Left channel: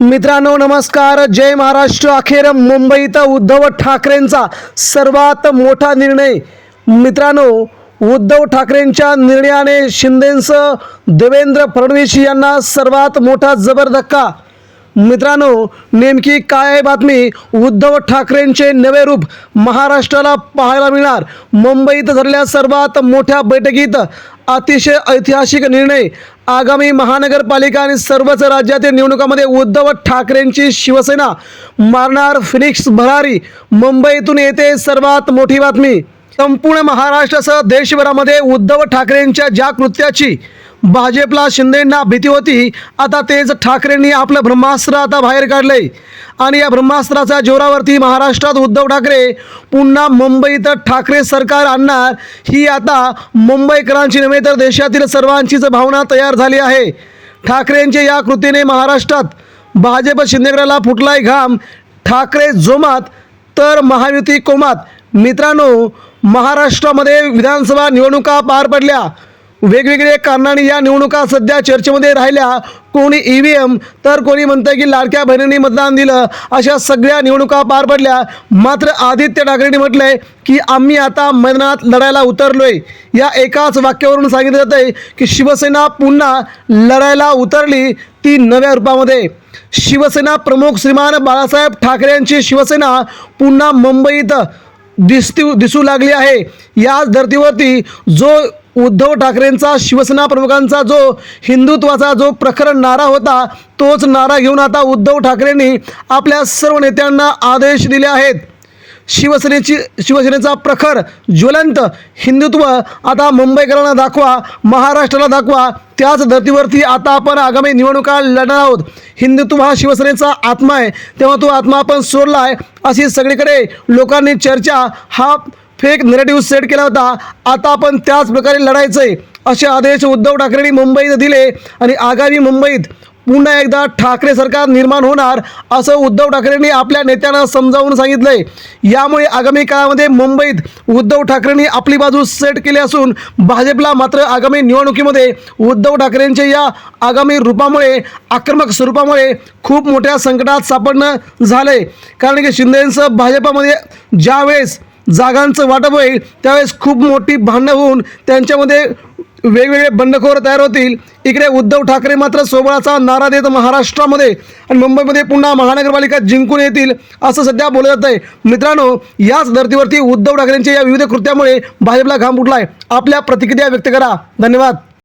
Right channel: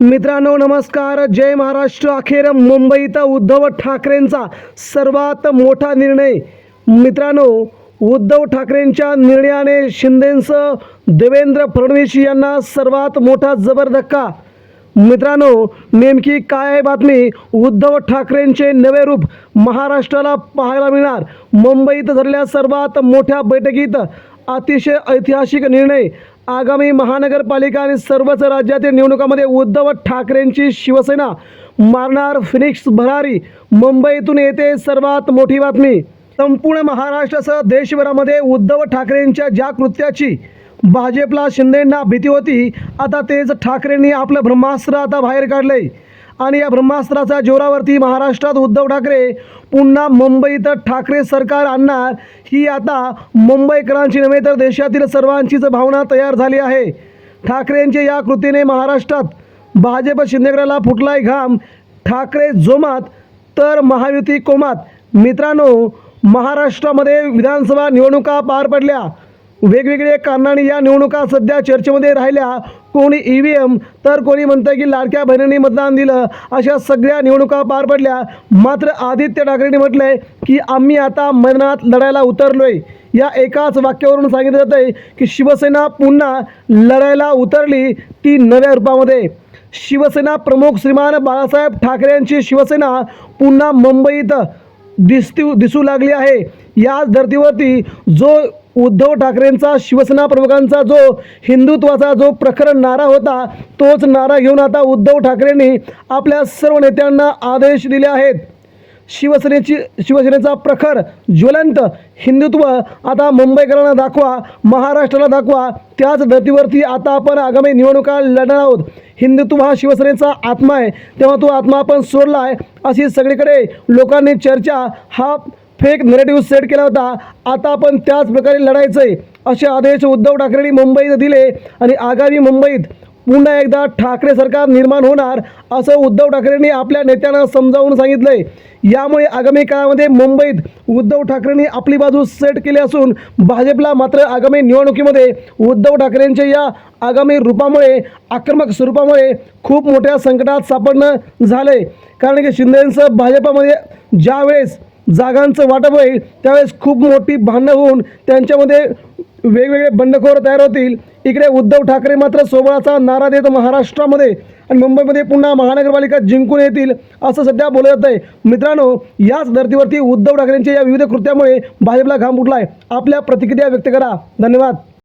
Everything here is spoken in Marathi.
मित्रांनो नमस्कार. जय महाराष्ट्र. अखेर मुंबईत उद्धव ठाकरेंचा सर्वात मोठा निर्णय. मित्रांनो उद्धव ठाकरेंच्या निर्णयाने शिंदेसह देवेंद्र फडणवीस यांना सर्वात मोठा जबर धक्का. मित्रांनो नेमकी काय आहे बातमी उद्धव ठाकरेंचे नवे रूप महाराष्ट्राला पाहायला मिळणार? मुंबईत झालेल्या सर्वात मोठ्या बैठकीत अतिशय ऐतिहासिक निर्णय आगामी महानगरपालिका आणि सर्वच राज्यातील निवडणुकामध्ये उद्धव ठाकरेंची शिवसेना. मारणार फिनिक्स भरारी मुंबईतून येते सर्वात मोठी बातमी. संपूर्ण महाराष्ट्रासह देशभरामध्ये उद्धव ठाकरेंच्या ज्या कृत्याची भाजपला शिंदेंना भीती होती. आता तेच ठाकरेंनी आपलं ब्रह्मास्त्र आता बाहेर काढलंय. आणि या ब्रह्मास्त्राच्या जोरावरती महाराष्ट्रात उद्धव ठाकरे पुन्हा मुंबईत ठाकरे सरकार आणणार ही आता मुंबईकरांची नव्हे तर देशातील सर्वांचीच भावना तयार झाली आहे. ठाकरेंच्या या कृतीने महाराष्ट्रात भाजप शिंदेगडाला फुटलाय घाम. ठाकरे जोमात तर महायुती कोमात. मित्रांनो महाराष्ट्रामध्ये विधानसभा निवडणुका पार पडल्या. वेगवेगळ्या कारणाने या निवडणुका सध्या चर्चेमध्ये राहिल्या. कोणी ई व्ही एम तर कोणी म्हणतं की लाडक्या बहिणींनी मतदान दिलं अशा सगळ्या निवडणुका पार पडल्या. मात्र आदित्य ठाकरेंनी म्हटलंय की आम्ही आता मैदानात लढायला उतरलोय. या एकाच वाक्यावरून सांगितलं जातंय आहे की शिवसेना पुन्हा लढायला उतरली ती नव्या रूपामध्ये. शिवसेना प्रमुख श्रीमान बाळासाहेब ठाकरे यांची शिवसेना पुन्हा मुंबईत दिसती दिसू लागली आहे. याच धर्तीवरती जो उद्धव ठाकरेंचा शिवसेना प्रमुखांचा जो हिंदुत्वाचा जो प्रखर नारा होता तोच नारा घेऊन आता उद्धव ठाकरेंनी आपल्या सर्व नेत्यांना आदेश दिले आहेत. शिवसेनेची शिवसेनेचा प्रखर ज्वलंत हिंदुत्व आता मुंबईकरांना दाखवा महाराष्ट्राला दाखवा त्याच धर्तीवरती आता आपण आगामी निवडणुका लढणार आहोत. हिंदुत्व हा शिवसेनेचा आत्मा आहे. तेव्हा तो आत्मा आपण सोडला आहे. अशी सगळीकडे लोकांनी चर्चा हा फेक नरेटिव्ह सेट केला होता. आता आपण त्याच प्रकारे लढायचं आहे असे आदेश उद्धव ठाकरेंनी मुंबईत दिले आणि आगामी मुंबईत पुन्हा एकदा ठाकरे सरकार निर्माण होणार असं उद्धव ठाकरेंनी आपल्या नेत्यांना समजावून सांगितलंय. यामुळे आगामी काळामध्ये मुंबईत उद्धव ठाकरेंनी आपली बाजू सेट केली असून भाजपला मात्र आगामी निवडणुकीमध्ये उद्धव ठाकरेंच्या या आगामी रूपामुळे आक्रमक स्वरूपामुळे खूप मोठ्या संकटात सापडणं झालंय. कारण की शिंदेंचं भाजपामध्ये ज्यावेळेस जागांचं वाटप होईल त्यावेळेस खूप मोठी भांडणं होऊन त्यांच्यामध्ये वेगवेगळे बंडखोर तयार होतील. इकडे उद्धव ठाकरे मात्र सोबळाचा नारा देत महाराष्ट्रामध्ये आणि मुंबईमध्ये पुन्हा महानगरपालिका जिंकून येतील असं सध्या बोललं जात आहे मित्रांनो याच धर्तीवरती उद्धव ठाकरेंच्या या विविध कृत्यामुळे भाजपला घाम उठलाय आपल्या प्रतिक्रिया व्यक्त करा. धन्यवाद.